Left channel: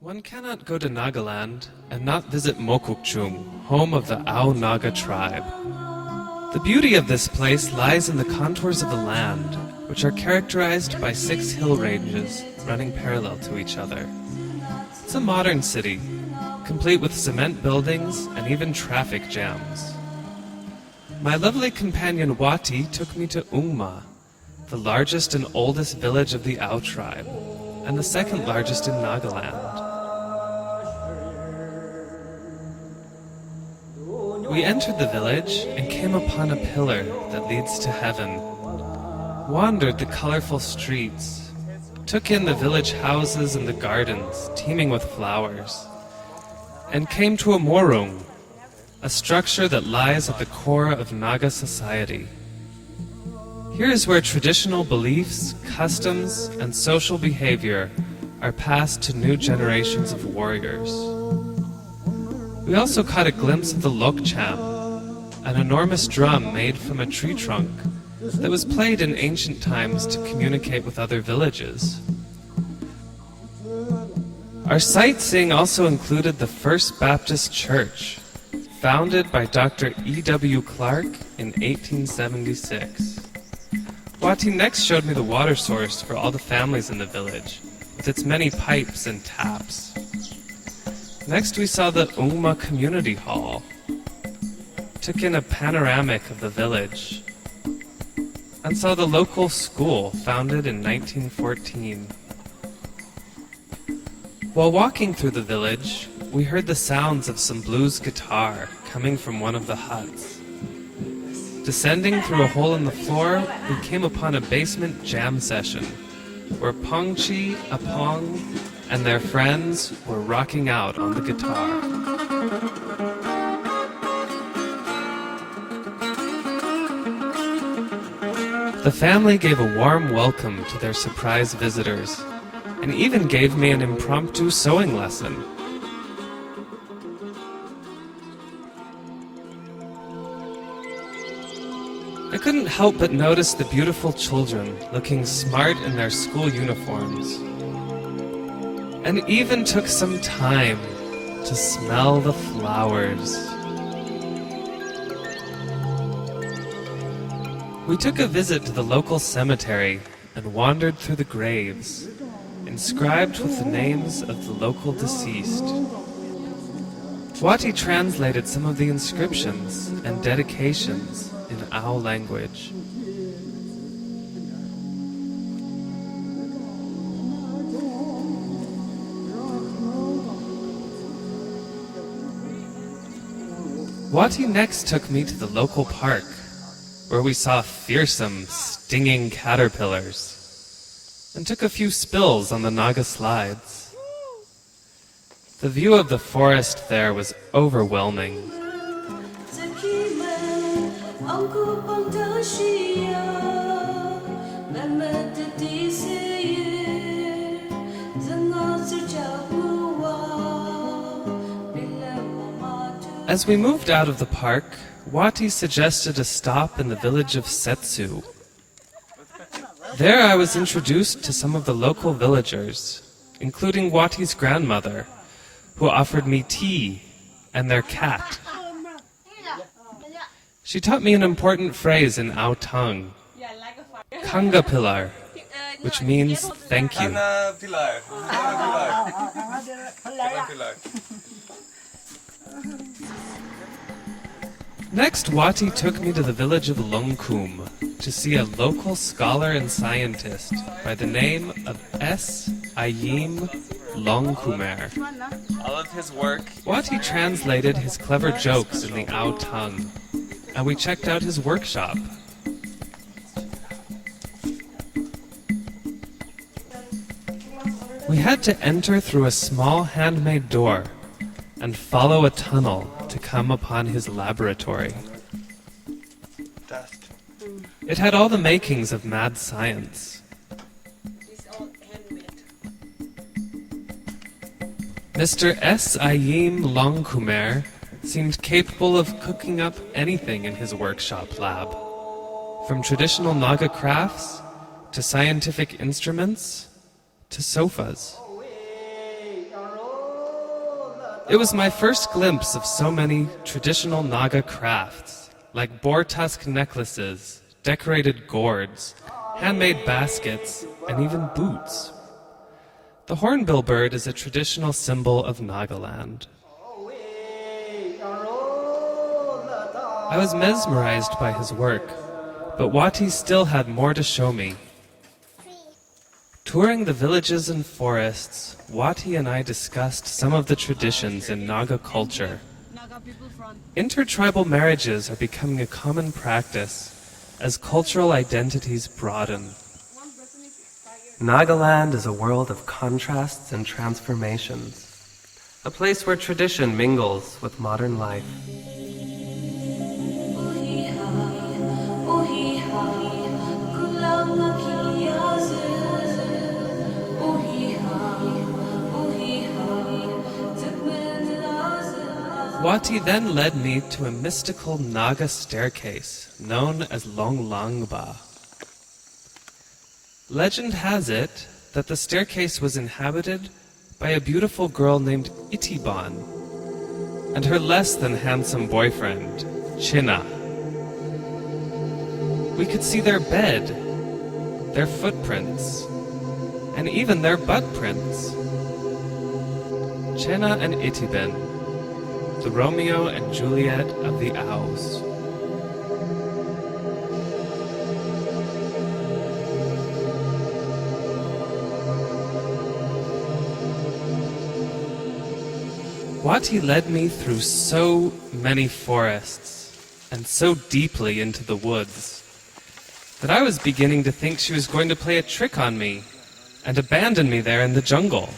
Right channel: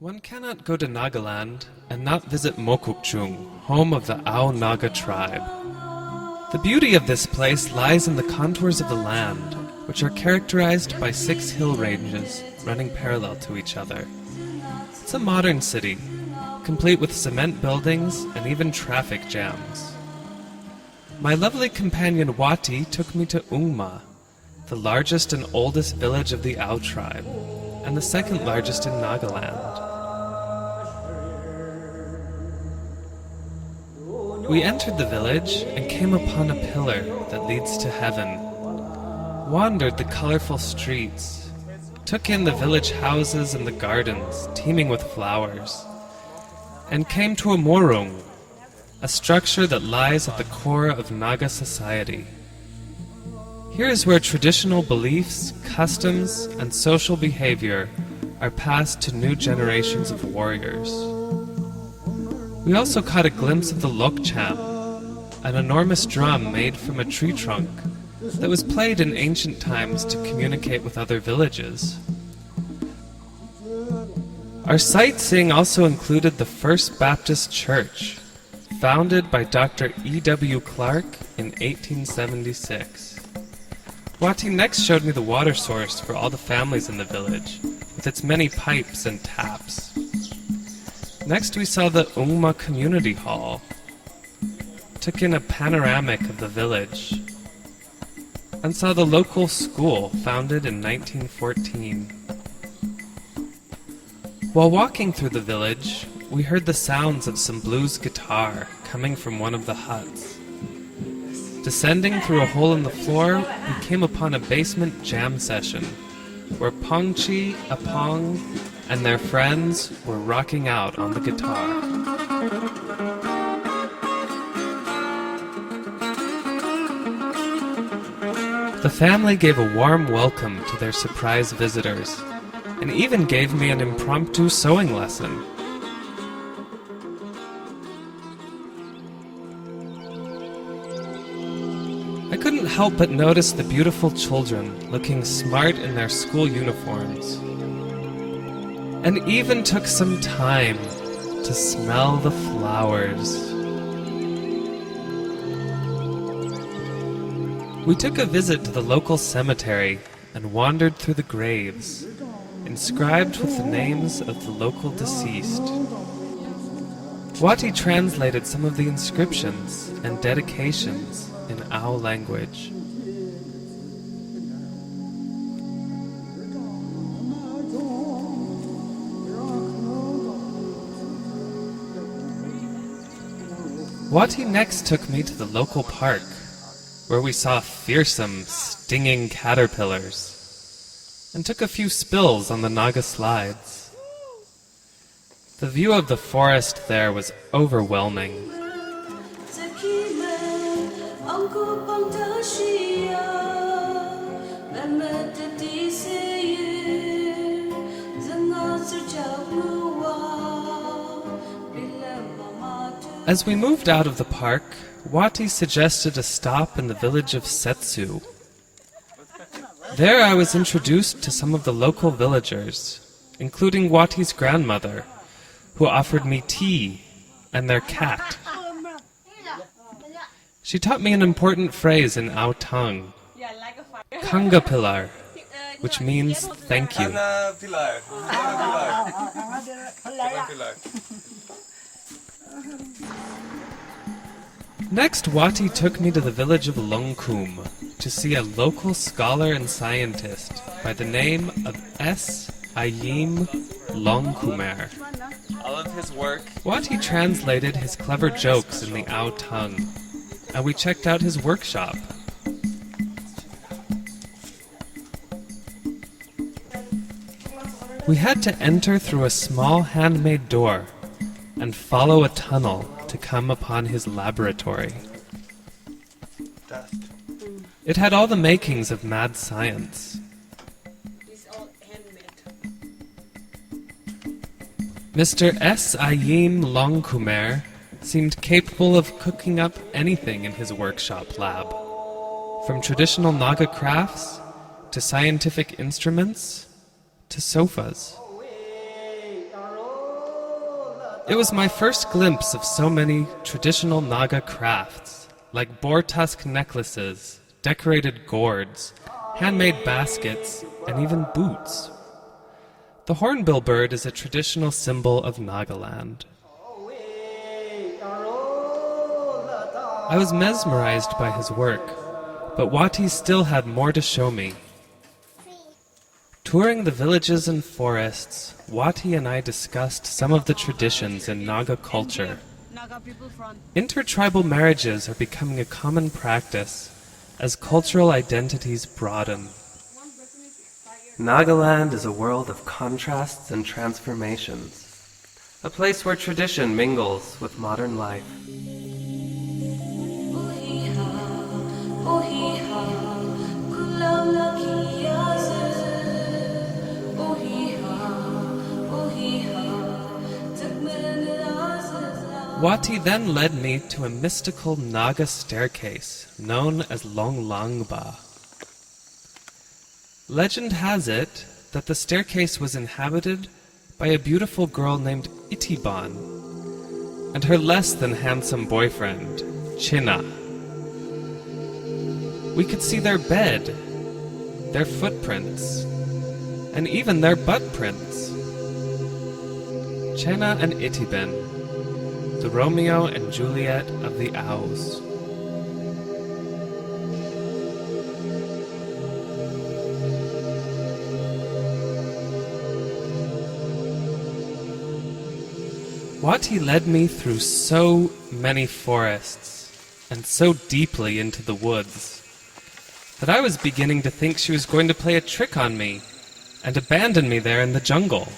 One cannot go to Nagaland and not visit Mokokchung, home of the Ao Naga tribe. The beauty of this place lies in the contours of the land, which are characterized by 6 hill ranges running parallel to each other. It's a modern city, complete with cement buildings and even traffic jams. My lovely companion Wati took me to Ungma, the largest and oldest village of the Ao tribe, and the second largest in Nagaland. We entered the village and came upon a pillar that leads to heaven, wandered the colorful streets, took in the village houses and the gardens teeming with flowers, and came to a morung, a structure that lies at the core of Naga society. Here is where traditional beliefs, customs, and social behavior are passed to new generations of warriors. We also caught a glimpse of the Lokcham, an enormous drum made from a tree trunk that was played in ancient times to communicate with other villages. Our sightseeing also included the First Baptist Church, founded by Dr. E.W. Clark in 1876. Wati next showed me the water source for all the families in the village, with its many pipes and taps. Next we saw the Ungma Community Hall, took in a panoramic of the village, and saw the local school founded in 1914. While walking through the village, we heard the sounds of some blues guitar coming from one of the huts. Descending through a hole in the floor, we came upon a basement jam session, where Pongchi, Apong, and their friends were rocking out on the guitar. The family gave a warm welcome to their surprise visitors, and even gave me an impromptu sewing lesson. I couldn't help but notice the beautiful children looking smart in their school uniforms, and even took some time to smell the flowers. We took a visit to the local cemetery and wandered through the graves, inscribed with the names of the local deceased. Wati translated some of the inscriptions and dedications in Ao language. Wati next took me to the local park, where we saw fearsome, stinging caterpillars, and took a few spills on the Naga slides. The view of the forest there was overwhelming. As we moved out of the park, Wati suggested a stop in the village of Tsetsu. There I was introduced to some of the local villagers, including Wati's grandmother, who offered me tea and their cat. She taught me an important phrase in Ao tongue, Kanga Pilar, which means thank you. Next, Wati took me to the village of Longkhum to see a local scholar and scientist by the name of Ayimlongkumar. All of his work, Wati translated his clever jokes in the Ao tongue, and we checked out his workshop. We had to enter through a small handmade door and follow a tunnel to come upon his laboratory. It had all the makings of mad science. It's all handmade. Mr. S. Ayimlongkumar seemed capable of cooking up anything in his workshop lab, from traditional Naga crafts to scientific instruments to sofas. It was my first glimpse of so many traditional Naga crafts, like boar tusk necklaces, decorated gourds, handmade baskets, and even boots. The hornbill bird is a traditional symbol of Nagaland. I was mesmerized by his work, but Wati still had more to show me. Touring the villages and forests, Wati and I discussed some of the traditions in Naga culture. Intertribal marriages are becoming a common practice as cultural identities broaden. Nagaland is a world of contrasts and transformations, a place where tradition mingles with modern life. Wati then led me to a mystical Naga staircase known as Longlangba. Legend has it that the staircase was inhabited by a beautiful girl named Etiben and her less than handsome boyfriend, Jina. We could see their bed, their footprints, and even their butt prints. Jina and Etiben, the Romeo and Juliet of the Owls. Wati led me through so many forests and so deeply into the woods that I was beginning to think she was going to play a trick on me and abandon me there in the jungle.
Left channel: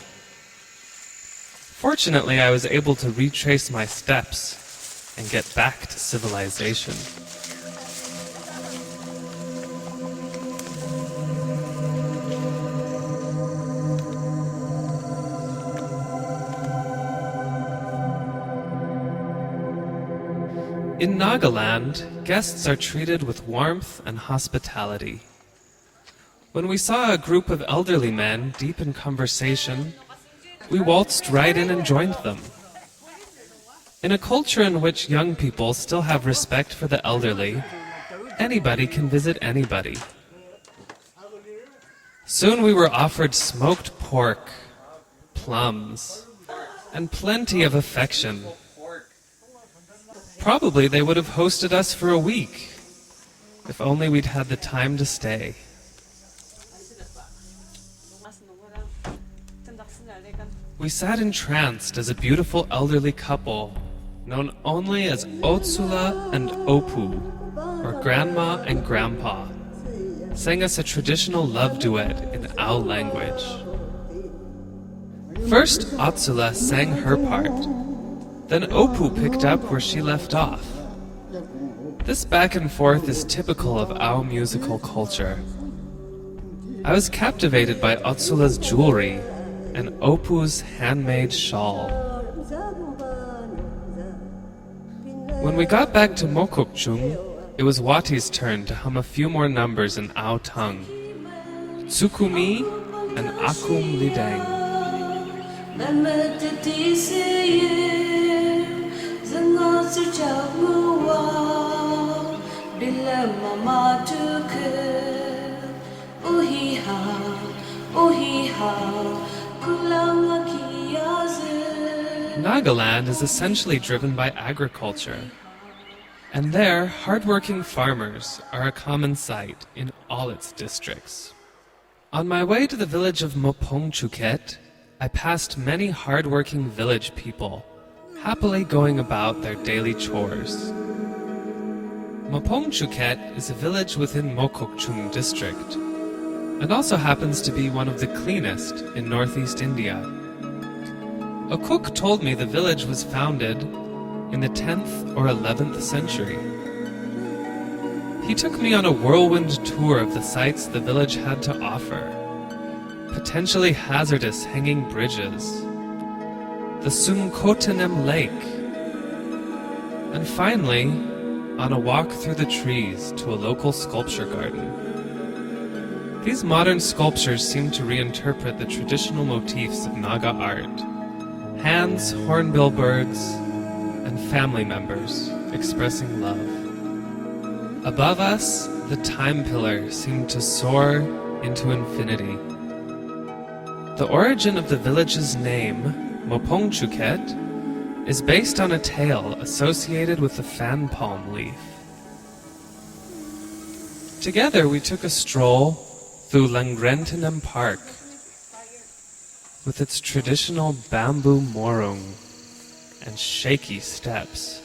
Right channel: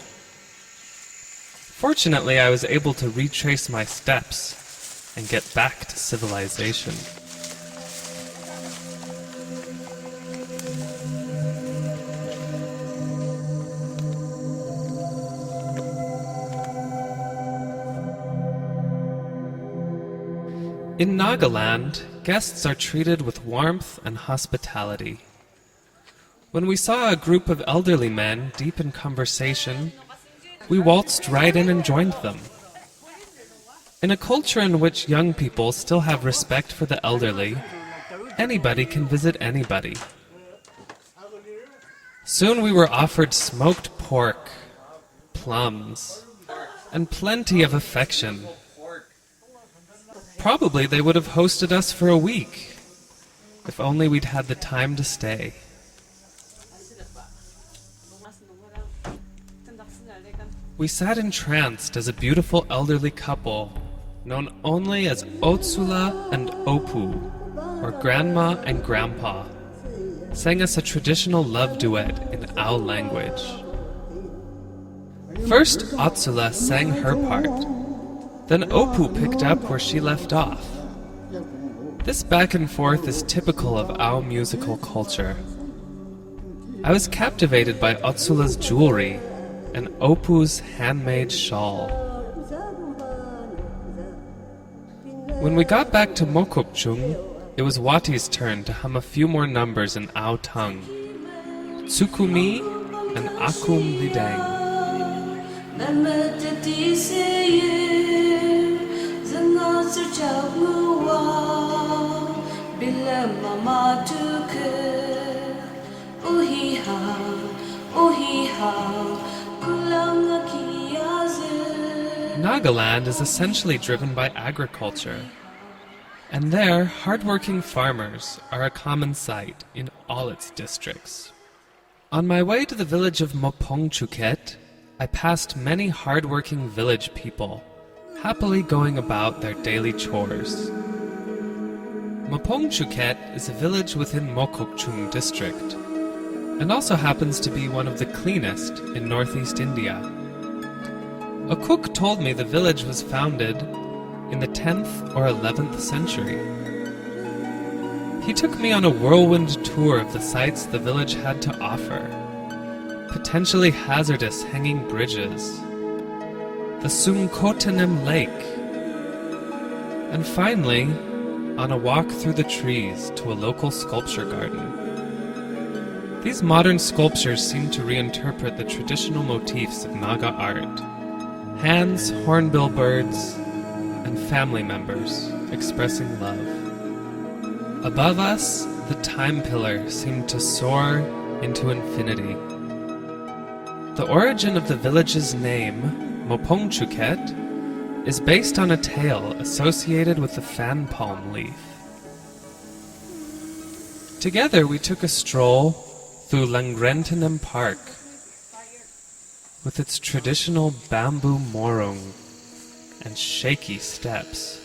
Fortunately, I was able to retrace my steps and get back to civilization. In Nagaland, guests are treated with warmth and hospitality. When we saw a group of elderly men deep in conversation, we waltzed right in and joined them. In a culture in which young people still have respect for the elderly, anybody can visit anybody. Soon we were offered smoked pork, plums, and plenty of affection. Probably they would have hosted us for a week, if only we'd had the time to stay. We sat entranced as a beautiful elderly couple, known only as Otsula and Opu, or Grandma and Grandpa, sang us a traditional love duet in Owl language. First, Otsula sang her part. Then Opu picked up where she left off. This back and forth is typical of Ao musical culture. I was captivated by Otsula's jewelry and Opu's handmade shawl. When we got back to Mokokchung, it was Wati's turn to hum a few more numbers in Ao tongue. Tsukumi and Akum Lidang. Nagaland is essentially driven by agriculture, and there, hard-working farmers are a common sight in all its districts. On my way to the village of Mopungchuket, I passed many hard-working village people, happily going about their daily chores. Mopungchuket is a village within Mokokchung district, and also happens to be one of the cleanest in northeast India. A cook told me the village was founded in the 10th or 11th century. He took me on a whirlwind tour of the sights the village had to offer. Potentially hazardous hanging bridges, the Sungkotenem lake, and finally, on a walk through the trees to a local sculpture garden. These modern sculptures seem to reinterpret the traditional motifs of Naga art, Hands, hornbill birds, and family members expressing love. Above us, the time pillar seemed to soar into infinity. The origin of the village's name, Mopungchuket, is based on a tale associated with the fan palm leaf. Together we took a stroll through Longrangtenem Park with its traditional bamboo morung and shaky steps.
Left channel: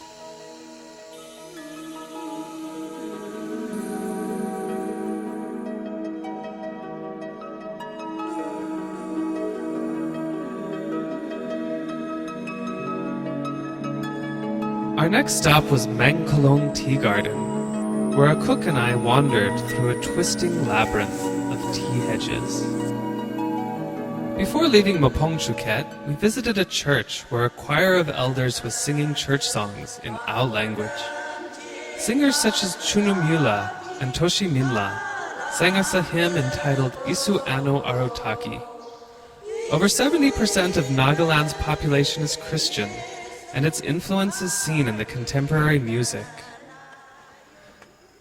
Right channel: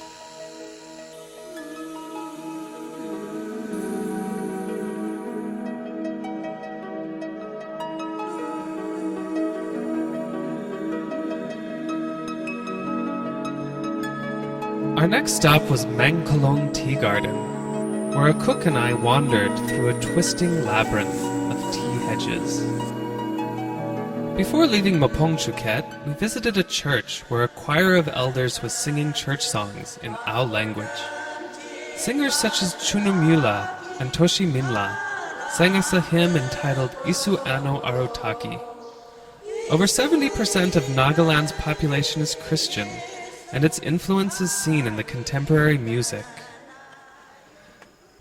Our next stop was Mangkolong Tea Garden, where a cook and I wandered through a twisting labyrinth of tea hedges. Before leaving Mopungchuket, we visited a church where a choir of elders was singing church songs in Ao language. Singers such as Chunumula and Toshi Minla sang us a hymn entitled Isu Ano Arotaki. Over 70% of Nagaland's population is Christian, and its influence is seen in the contemporary music.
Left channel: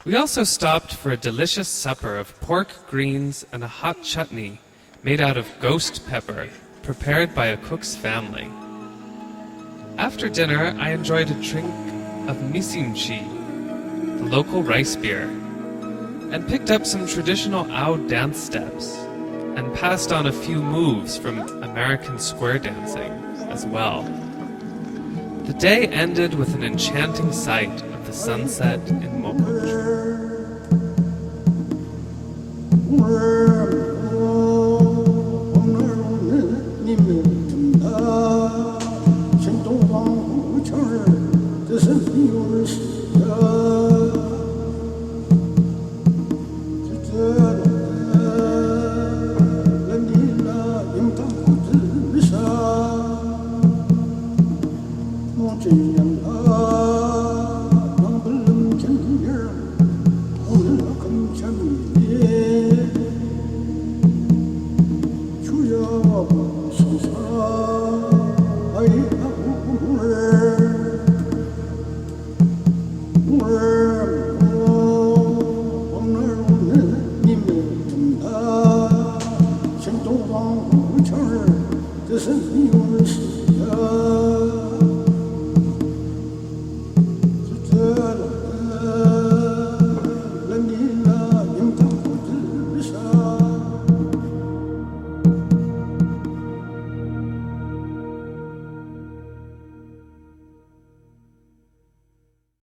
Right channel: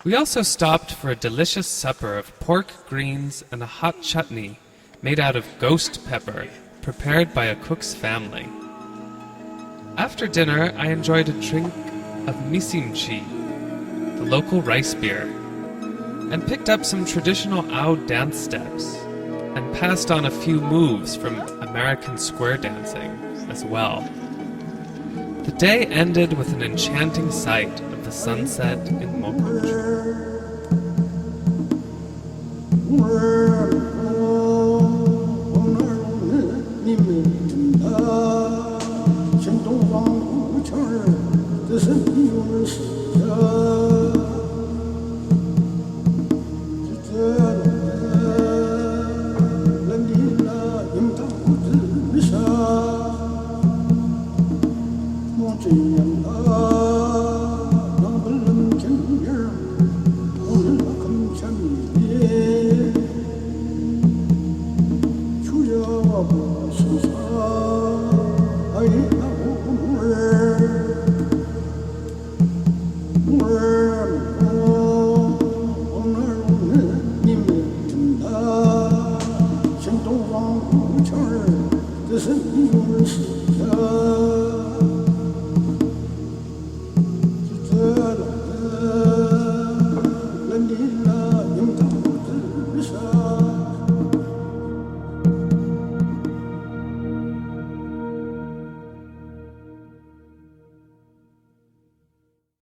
We also stopped for a delicious supper of pork, greens, and a hot chutney made out of ghost pepper, prepared by a cook's family. After dinner, I enjoyed a drink of misimchi, the local rice beer, and picked up some traditional Ao dance steps, and passed on a few moves from American square dancing as well. The day ended with an enchanting sight of the sunset in Mopungchuket. This is